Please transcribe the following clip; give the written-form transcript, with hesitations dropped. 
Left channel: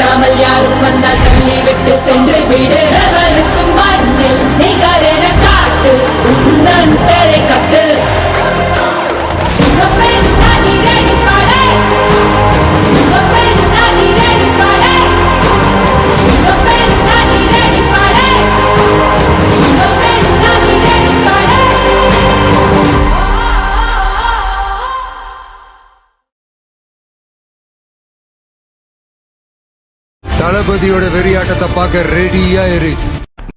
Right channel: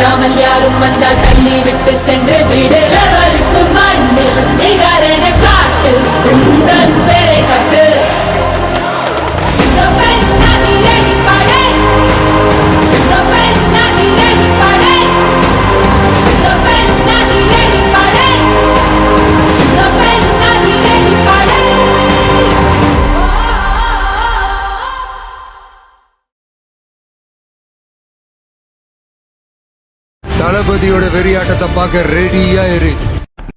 வராமல் யாரும் வந்தால் தள்ளி விட்டு சென்று விடுறவருக்கும் மண்ணில் நிகரென காட்டு உந்தன் பெரை கட்டு சுகப்பெண் அதிரடி படை சுகப்பெண் அதிரடி படை சுகப்பெண் அதிரடி படை சுகப்பெண் அதிரடி படை. தளபதியோட வெறியாட்டத்தை பார்க்க ரெடியா இரு.